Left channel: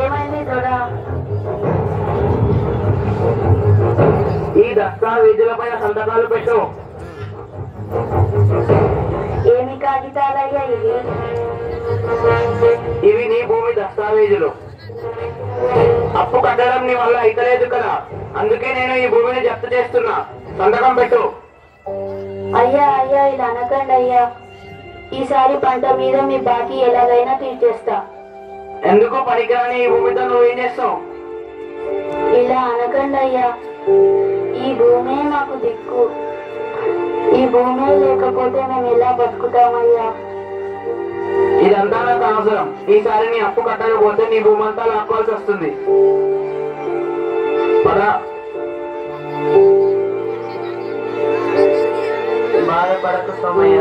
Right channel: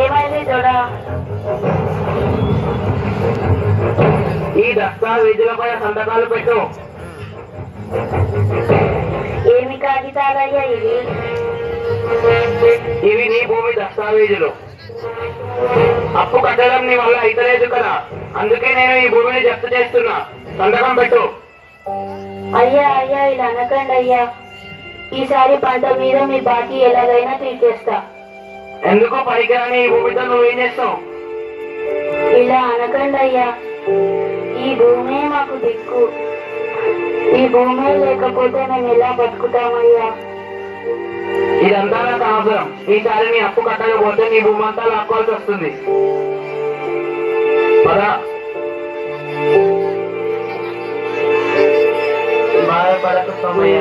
ఏమైంది చూడా? ఈ దస్తావేజులపై సంతకాలు పెట్టు. ఏమి కాగితాలయ్యా ఇవి? ఇవి నీ భూమి దస్తావేజులు. అప్పు కట్టడం నీ వల్ల అయితలేదు కదా, అందుకే నేను ఈ భూమిని జప్తు చేస్తున్నా. సంతకం పెట్టు. అయ్యా అయ్యా ఇలా అనకండి అయ్యా. ఈసారి పంట మీద మీ బాకీ ఎలాగైనా తీర్చేస్తా. ఎందుకు పనికిరాని ఈ భూమితో నువ్వేం చేస్తావు? ఇలా అనకండి అయ్యా. ఈ భూమే మాకు దిక్కు. ఈ భూమే లేకపోతే మేము ఎలా బతుకుతామయ్యా? ఇదంతా నాకు అవసరం. ఈసారి నీ అప్పు కట్టకపోతే నీ భూమి అంతా లాక్కోవాల్సి వస్తుంది. పదా. బాధపడక సమయ,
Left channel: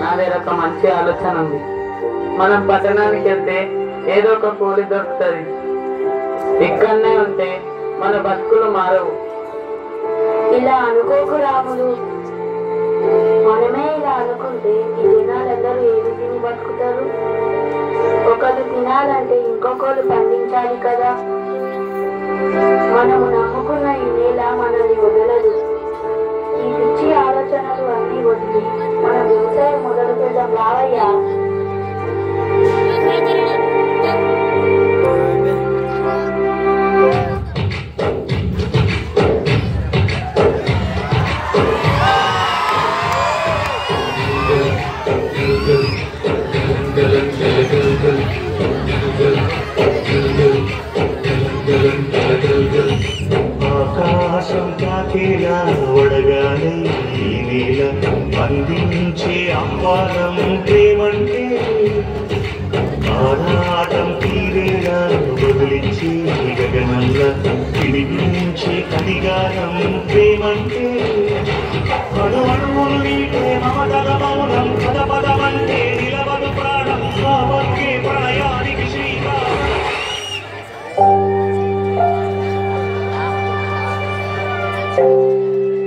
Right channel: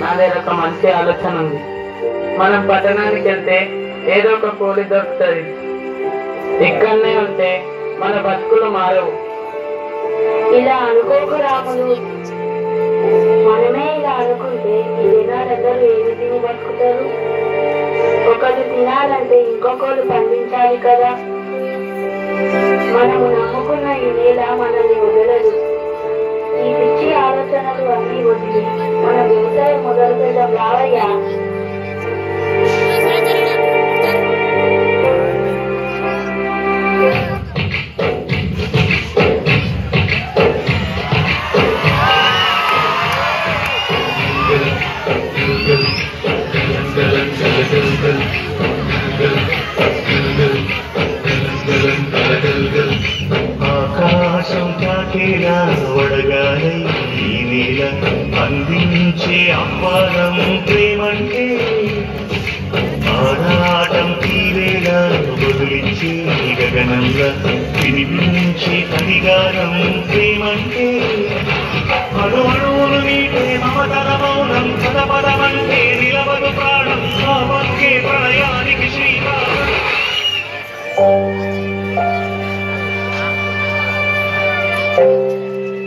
నా దగ్గర ఒక మంచి ఆలోచన ఉంది. మనం పట్టణానికి వెళ్తే ఏదో ఒక కూలి దొరుకుతుంది. ఇక్కడనే ఉంటే మన బతుకులు మారవు. ఇలా అనుకోకు రాములు. మనమే ఇలా అనుకుంటే ఈ జనాలందరూ ఏమి తిని బతుకుతారు? ఒకరు తినాలంటే ఇంకొకరు పండించాలి కదా. మనము నమ్ముకున్న ఈ నేల మనల్ని వదలదు. ఈ పిచ్చి ఆలోచనలు అన్నీ వదిలి మన వ్యవసాయం మొదలు పెడదాం రావయ్యా. ఆకాశం తాకేలా వడగాలి ఈ నేల అందించే ఆహ్వానం ప్రేమంటే ఆరాటం తీరేలా బదులిచ్చే గగనంలో వినిపించే అధికారం ప్రేమంటే అడు అడుగులు నీటే మమతల మౌనం పదపదమంటే నిలబడు ప్రాణం ఆ పక్కే ప్రళయానికి శ్రీకారం.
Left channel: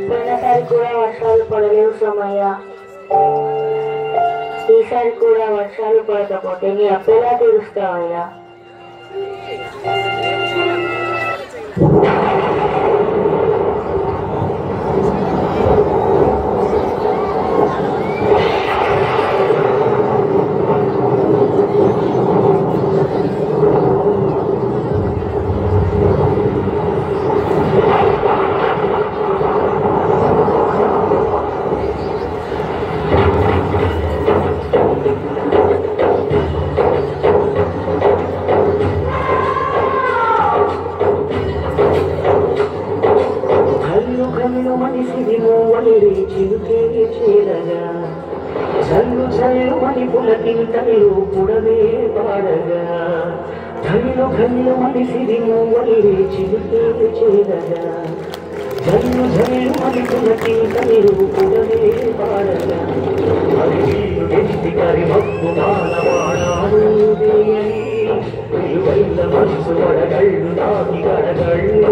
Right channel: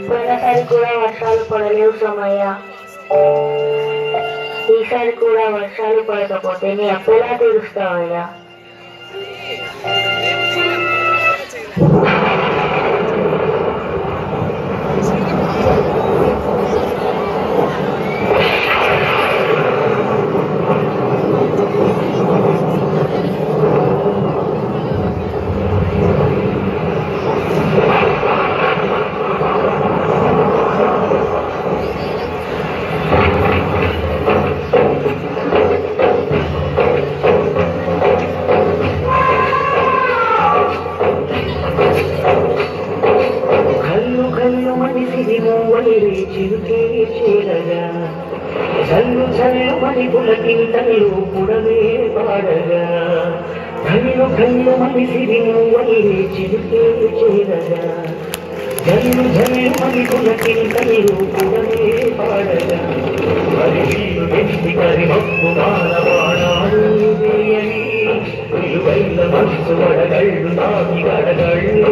పోయినసారి కూడా వర్షాలు పడలేవు సమయ్య. ఈసారి కూడా వర్షాలు పడకపోతే నీ అప్పెలా తీరుస్తావయ్యా? చల్లు చల్లు మని పులకింతలు పుడవే పాడగా కళ్ళు కళ్ళు మని సిరిను వల్లి చిరుకే చేరగా జల్లు జల్లు మని పులకింతలు పుడవే పాడగా కరిగిల్లు వ్యక్తి కరి మప్పు మానవాణాలు వేయని విలువైన మనసు వడగళ్ళు నాకి గడగళ్ళు